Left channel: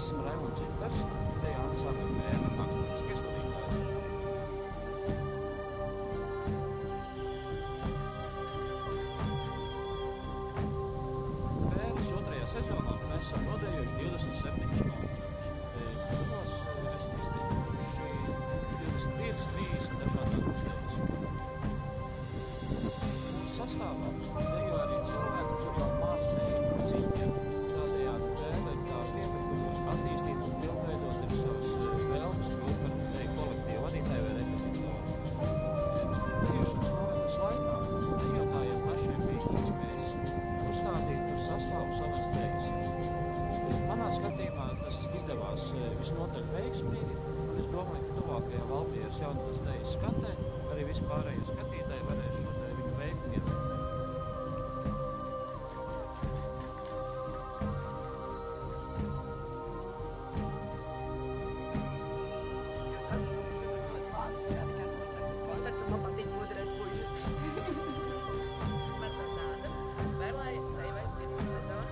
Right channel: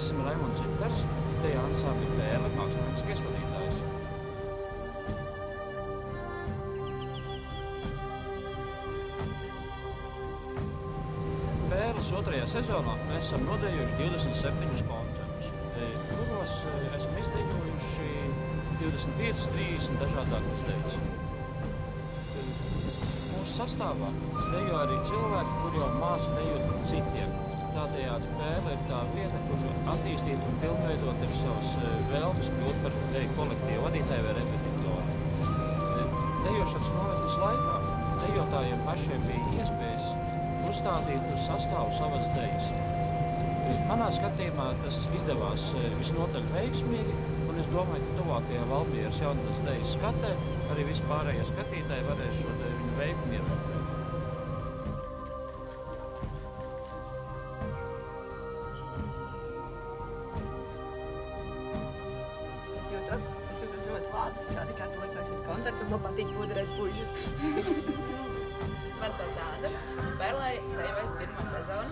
Es esmu Raimonds Zintars, deju ansambļa Pērle, mākslinieckais vadītājs. Pērles otrajā sezonā mēs esam nodejojuši 27 koncertus, kuros esam izdejojuši 25-30 dažādākas dejas. Mūsu sastāvā dejo arī cilvēki, kur jau māca dejot par citiem. Tādējādi Pērle ir tā vieta, kur attīstīt un pilnveidot ir savas vēlmes kļūt par deju kolektīvu vadītāju vai repetitoru. Dejošanas nometnes laikā dejotājiem pašiem bija iespējas uzstādīt uz sastāvu savas dejas. Manā skatījumā tas izdevās visnotaļ veiksmīgi, un es domāju, ka tuvākajā Valmieras jaunatnes dejas skatē arī vispārējie skatītāji varēs šo viņu veikumu ievērtēt. Es jūtos ļoti labi, kā tikai tu liecāksies koncerts, un man patīk pudrēt puišus. Man sauc Āda, Pērlē dejoju pirmo sezonu,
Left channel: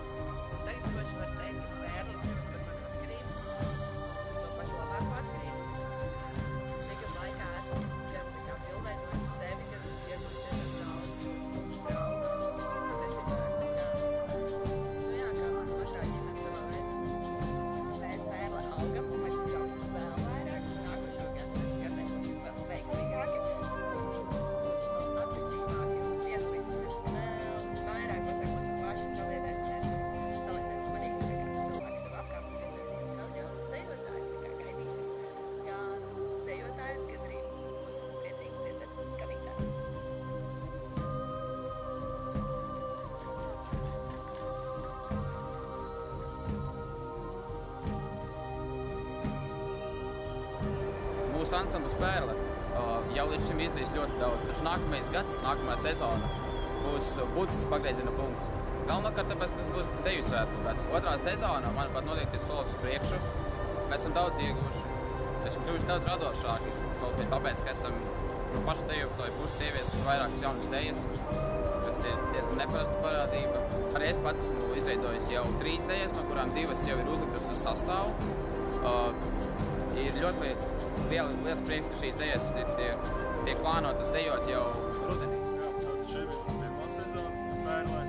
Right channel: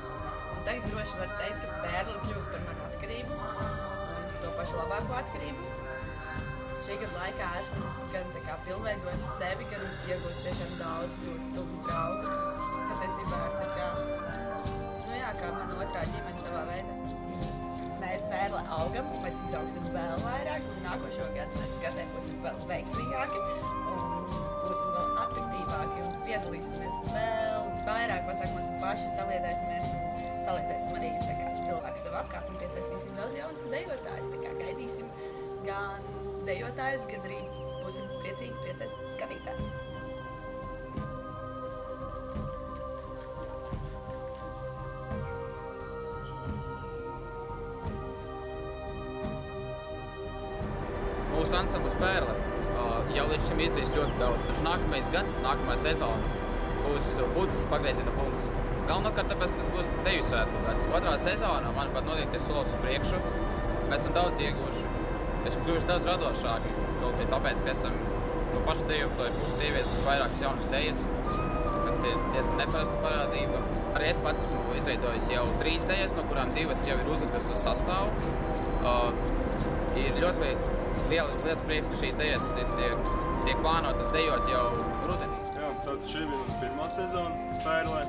un tagad droši var teikt, ka Pērle kļūst par manu atkarību, un to pašu labāko atkarību. Šī gada laikā esmu gan pilnveidojis sevi, gan iegūst tiešām daudz ļoti tuvus draugus, kas patiesībā ir kā mana otrā ģimene savā veidā. Mēs Pērle augam, un mēs izaugsim vēl vairāk, un nākošo gadu mēs skatē būsim vēl veiksmīgāki, un būsim vēl atraktīvāki, un piedalīsimies vēl vairāk pasākumos un paši saliedēsim arī cilvēku sev apkārt un piesaistīsim daudz jaunus dejotājus. Tā kā gaidīsim gan dejotājus, gan arī būsim priecīgi priecēt skatītāji. Mūsu ansamblis Pērle jau līdz šim izdarījis ļoti daudz, taču nākamais gads, nākamā sezona būs būtisks pagrieziena punkts. Galvenokārt tāpēc, ka tas būs deju svētku gads. Otrā sezona, manuprāt, noteikti ir solis uz priekšu. Mēs esam daudz ieguvuši, esam kļuvuši daudz radošāki, kaut arī tāpēc, ka esam no paša dejotāju puses ieviesuši vairākas jaunas dejas, kas ir diezgan neparasta parādība. Arī es pats esmu izveidojis jau 3 dejas, no kurām 2 jau ir uzliktas uz sastāvu. Ir ļoti liels prieks, ka šīs dejas tiek plānotas dejot jau rudenī. Jā, tātad šī bija mana pirmā sezona Pērlē,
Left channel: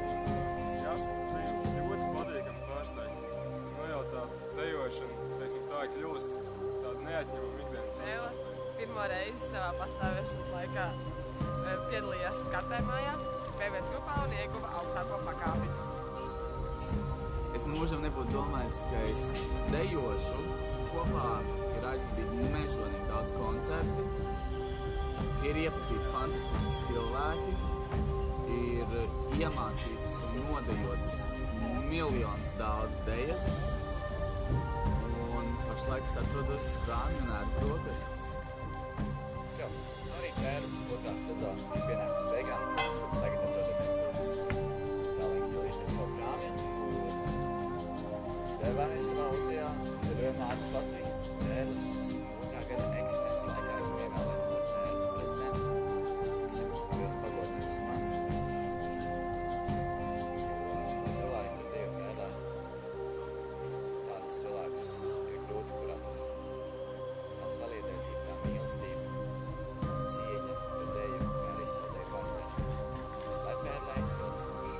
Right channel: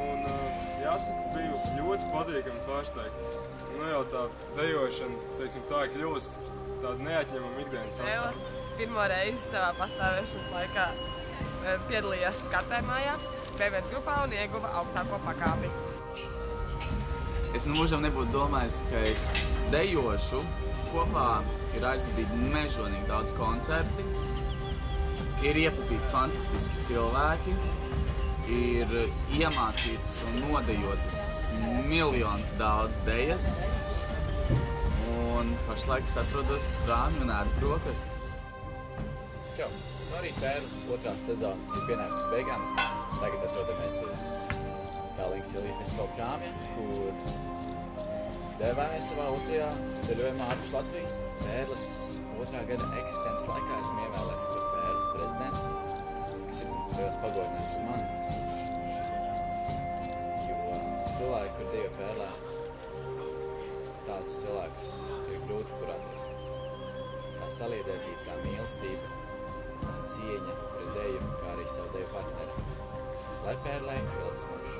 un jāsaka, biju ļoti patīkami pārsteigts. Jau tā dejošana, teiksim, tā ir kļūst tāda neatņemama ikdienas sastāvā. Pirmo reizi savā pastāvēšanas laikā piedalījās skatēmājā, B1 grupā un ieguva augstāko pakāpi. Es mūžam nebūtu domājis, ka es dejošu. Kopā ir aizvadīti mežonīgi daudz koncerti, ir iepazīti fantastiski cilvēki, ir iemācītas un nodejotas miljonus daudz dejas, un pašlaik es atrodos Sprāmi un ēdu brokastis. Čau! Arī Pērles otrā sezona ir pienākusi beigām. Tagad atrodamies uz Tallinkas Ilija festivāla Prāmja, kur devāmies savā otrajā ceļojumā ārpus Latvijas. Pērles otrā gada eksistences laikā esmu ievēlēts par Pērles prezidentu, kas ir liels pagodinājums man. Jo cilvēki, kur dejo Pērlē, tāds cilvēks ir grūti kur atrast. Tā saliedētība, tā mīlestība un cieņa pret deju, kā arī savu deju partneri. Lai Pērlē ilgs mūžs.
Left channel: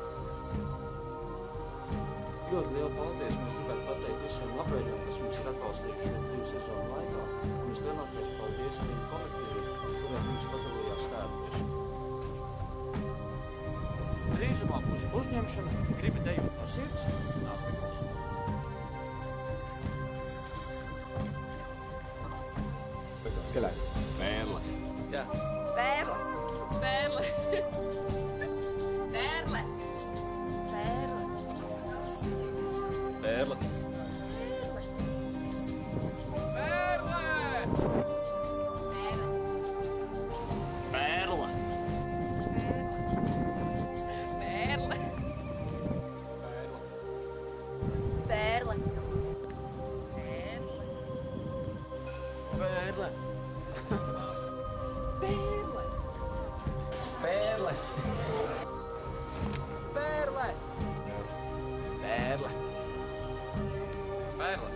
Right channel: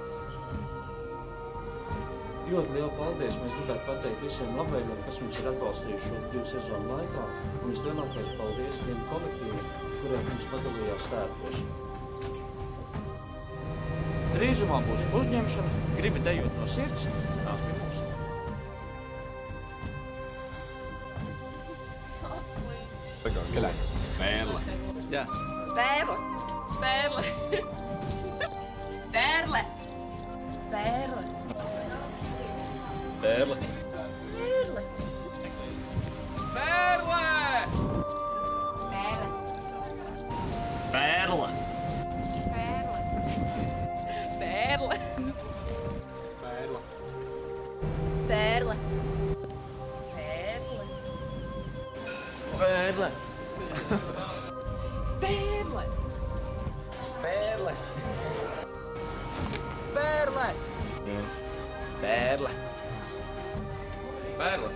Ļoti lielu paldies! Mēs gribētu pateikt visiem labējiem, kas mums ir atbalstījuši šo 2 sezonu laikā, un vislielākais paldies tiem kolektīviem, kuriem mums padalījās tērpos. Drīzumā būs uzņemšana, gribi dejot no sirds, nāc pie mums! Skaļāk! Pērle! Jā! Pērle! Pērle! Pērle! Pērle! Pērle! Pērle! Pērle! Pērle! Pērle! Pērle! Pērle! Pērle! Pērle! Pērle! Pērle! Pērle! Pērle! Pērle!